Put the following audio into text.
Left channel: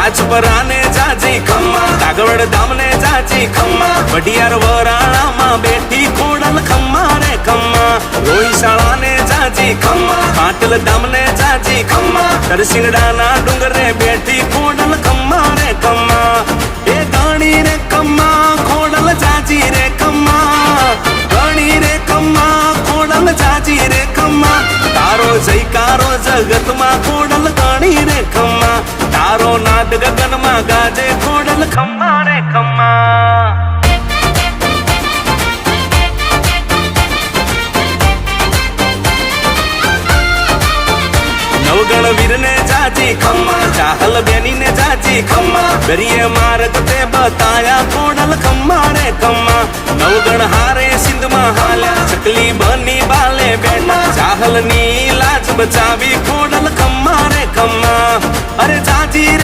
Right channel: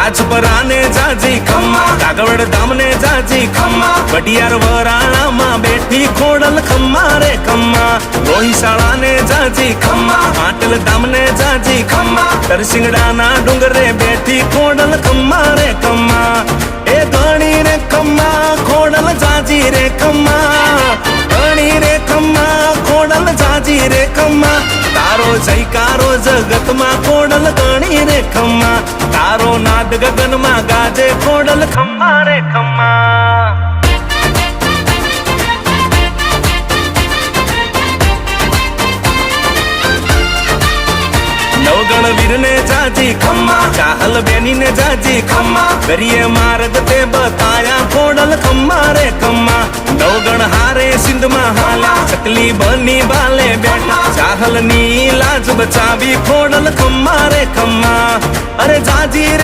રાજપરાને જાજી ખમ્મા, કાગવડ ધામને જાજી ખમ્મા, વઢિયાર વરાણામાં બેઠી ખોડલ ખમ્મા રે ખમ્મા, લોહીશાળાને જાજી ખમ્મા, પાટલ ધામને જાજી ખમ્મા, તરસિંગડાના ડુંગરે બેઠી ખોડલ ખમ્મા રે ખમ્મા, એ ગણી રે ખમ્મા ખોડલ જાજી રે ખમ્મા, ગણી રે ખમ્મા ખોડલ જાજી રે ખમ્મા, તારો જયકારો જગતમાં ખોડલ ગણી રે ખમ્મા, તારો નાદ ગગનમાં ગાજે ખોડલ ખમ્મા રે ખમ્મા. નવગણ વીરને જાજી ખમ્મા, ચાહલ બેનીને જાજી ખમ્મા, દરિયે માર્ગ તે બતાયા ખોડલ ખમ્મા રે ખમ્મા, નવગણ હારે સિંધમાં હાલ્યા, ચકલી બની બાલે બેઠા, ચાહલની લાજ બચાવી ખોડલ ખમ્મા રે ખમ્મા, અરે જાજી